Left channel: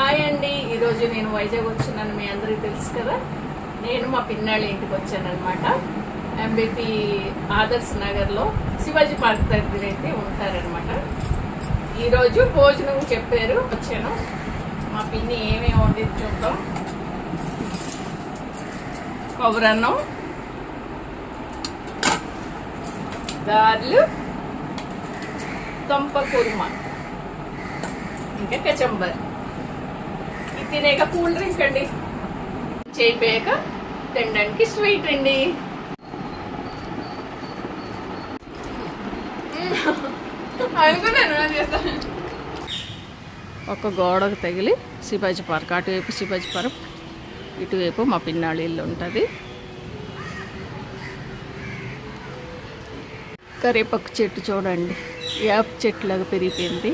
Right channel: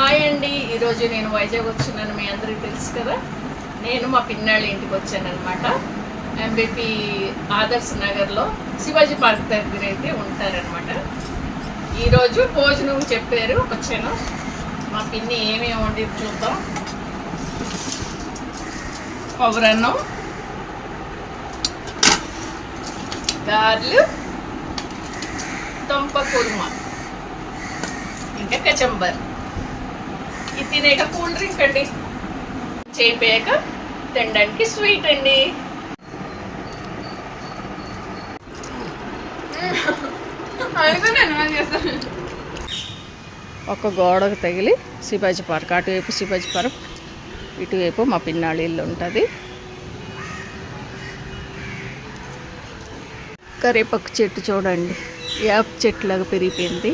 Hi అండి, ఈరోజు నేను వైజాగ్ వచ్చినాను. మీ అందరికీ తెలుసు కదా. నేను మా పిన్నాళ్ళ ఇంటికి వచ్చాను అనమాట. ఎంబీపీ ఆదర్శ్ నగర్లో శివాజీ పార్క్ దగ్గర అయితే ఉంటారనమాట. ఈరోజు భోజనం చెప్పారు, వచ్చాను. మా పిన్ని ఏమేమి వండింది చూద్దాం. కొబ్బరన్నం, గారెలు, తొంప కుర్మా, ఇంకా కచంబర్. ఇది తినేక కూల్ డ్రింక్ అండి. చేయిపోయాక తినడానికి స్వీట్ అండి. ఒక గోడకు తగిలి శివాజీ పార్క్, అటువైపు శివాజీ పార్క్, ఇటువైపు మా పిన్నాళ్ళ ఇల్లు ఉంటుంది. కరివేపాకు చెట్టు చూడండి, యాప్ చెట్టులాగా పెరిగిపోయింది.